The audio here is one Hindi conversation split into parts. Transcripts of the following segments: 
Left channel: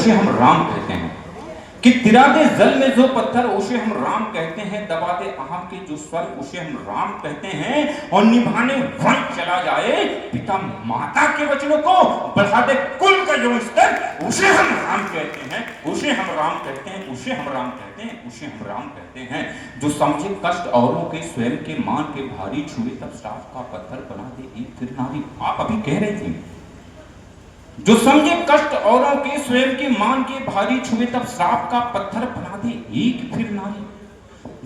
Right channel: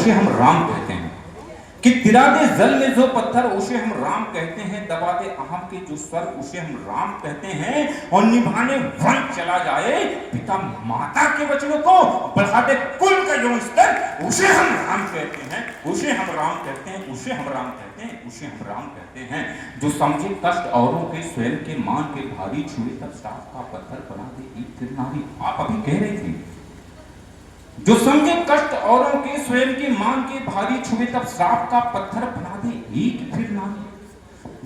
उसे हम राम कहते हैं। कि तिरा दे जल में जो पत्थर उसे हम राम कहते हैं, दबा दे अहम के जो स्वर उसे हम राम कहते हैं, और निभाने वन चला जाए पिता माता के वचनों को, बढ़ा दे कुल का जो स्तर उसे हम राम कहते हैं, उसे हम राम कहते हैं, उसे हम राम कहते हैं, उसे हम राम कहते हैं। जो समझे कष्ट औरों के स्वयं के मान के भारी, छुए तब साफ का पत्थर बना दे एक फिर नारी। आप अभी कह रहे थे जो समझे कष्ट औरों के स्वयं के मान के भारी, छुए तब श्राप का पत्थर बना दे एक फिर नारी।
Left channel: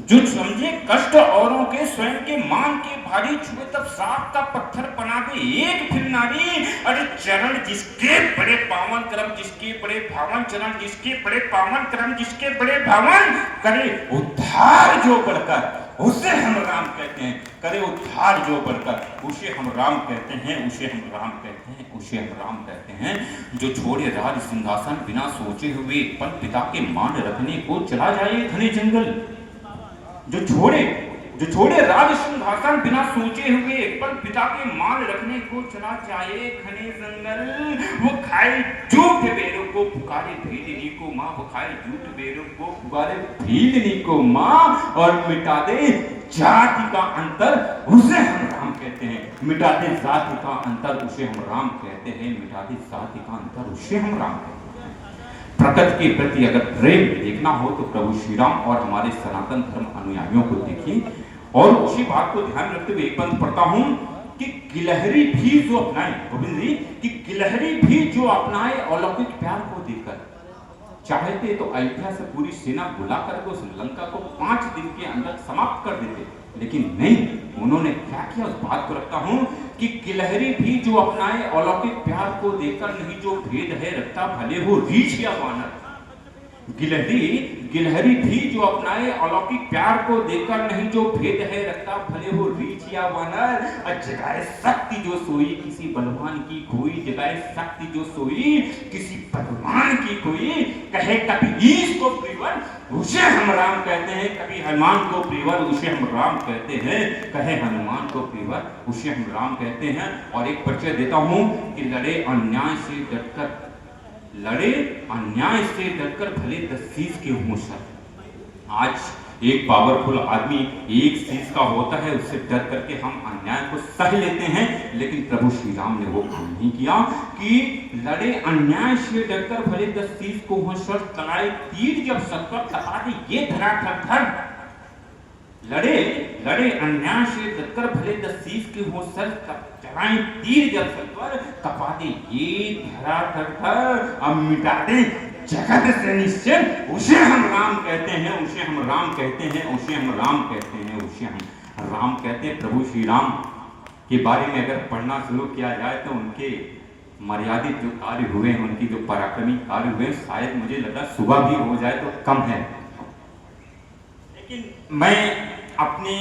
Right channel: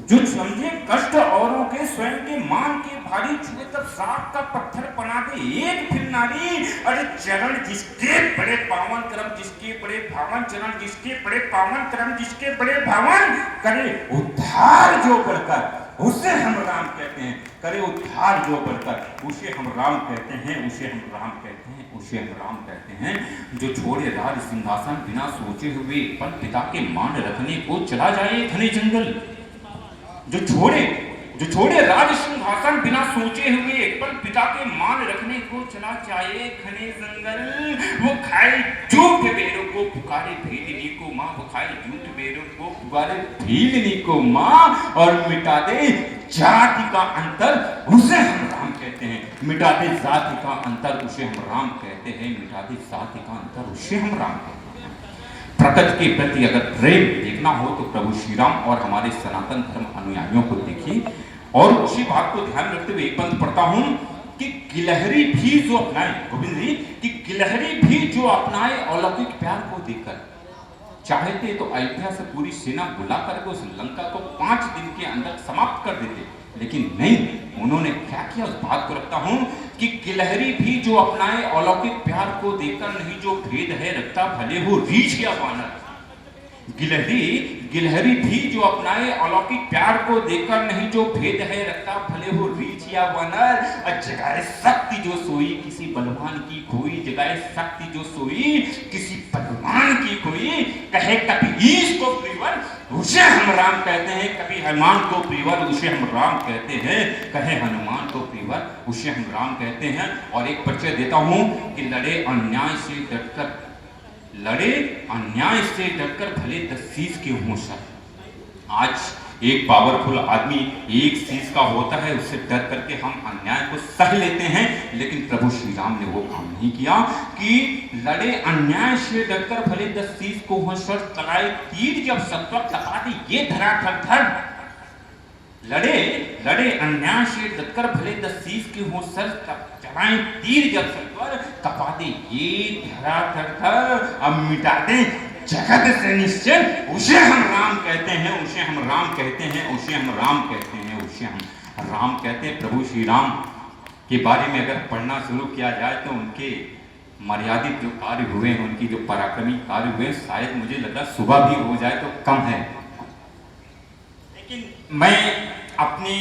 जो समझे कष्ट औरों के स्वयं के मान के भारी, छुए तब श्राप का पत्थर बना दे एक फिर नारी। अरे चरण जिसके बड़े पावन, कर्म जिसके बड़े भावन, चरण जिसके बड़े पावन, कर्म जिसके बड़े भावन, करे उद्धार जो बढ़कर उसे हम राम कहते हैं, करे उद्धार जो बढ़कर उसे हम राम कहते हैं, उसे हम राम कहते हैं, उसे हम राम कहते हैं। जो छोड़े राज सिंहासन बिना सोचे हुए, पर पिता के मान रखने को चला जाए घने जंगल। जो छोड़े राज सिंहासन बिना सोचे हुए, पर पिता के मान रखने को चला जाए घने जंगल। वो खाए झूठ बेरों को पुकारे भेदनी को माँ, वो खाए झूठ बेरों को पुकारे भेदनी को माँ, और मिटा दे जाति का अंतर उसे हम राम कहते हैं, मिटा दे जाति का अंतर उसे हम राम कहते हैं, मिटा दे जाति का अंतर उसे हम राम कहते हैं। प्रकृति के प्रति अगर प्रेम देखना हो तो प्रभु श्री राम और हमारे सनातन धर्म अनुयायियों को देखिए। और उसी बात को ध्यान रखते हुए एक पंथ पढ़ता हूं कि गिलहरी भी जो अपनाए, गोविंद जी, कि गिलहरी भी जो अपनाए अलौकिक प्यार को देकर, चाहते तो अयोध्या से पूरी सेना बुला करके उस लंका को 5 दिन के अंदर समाप्त कर देते, लेकिन नहीं, उन्होंने क्या किया उस बात को रखता हूं कि गिलहरी भी जो अपनाए अलौकिक प्यार को देकर, नहीं जो भेद है रखता भले हो रीछ या वानर। गिलहरी भी जो अपनाए अलौकिक प्यार को देकर, नहीं जो भेद है रखता भले हो रीछ या वानर। जगाए शक्ति जो सोई किसी बलवान की खोई, जगाए शक्ति जो सोई किसी बलवान की खोई, कहे कभी ईश को प्रियवर उसे हम राम कहते हैं, कभी हनुमान को प्रियवर उसे हम राम कहते हैं, कहे हनुमान को प्रियवर उसे हम राम कहते हैं। और एक परिचय देता हूं कि लड़े अन्याय से डटकर, लड़े अन्याय से डटकर भले 10 शीश के हों सर। आज एक पावरफुल आदमी एक शीश का होता है, उससे डर करके हम अन्याय को सह लेते हैं, लेकिन प्रभु श्री राम ने वो काम नहीं किया कि लड़े अन्याय से डटकर भले 10 शीश को हों सर, चलाए तीर जब सत्वर तपा दे ये धरा थर थर। लड़े अन्याय से डटकर भले 10 शीश के हों सर, चलाए तीर जब सत्वर तपा दे ये धरा थर थर। अब मिटा दे जगत से निश्चय उसे हम राम कहते हैं, उसे हम राम कहते हैं, उसे हम राम कहते हैं, उसे हम राम कहते हैं। प्रभु श्री राम के बारे में अगर पढ़ना शुरू किया जाए तो उनके मर्यादित जो कार्य हुए हैं, उनकी जो पराक्रमी कार्य हुए, शायद मुझे लगा सुबह भी हो जाए तो कम है। लेकिन मैं अपने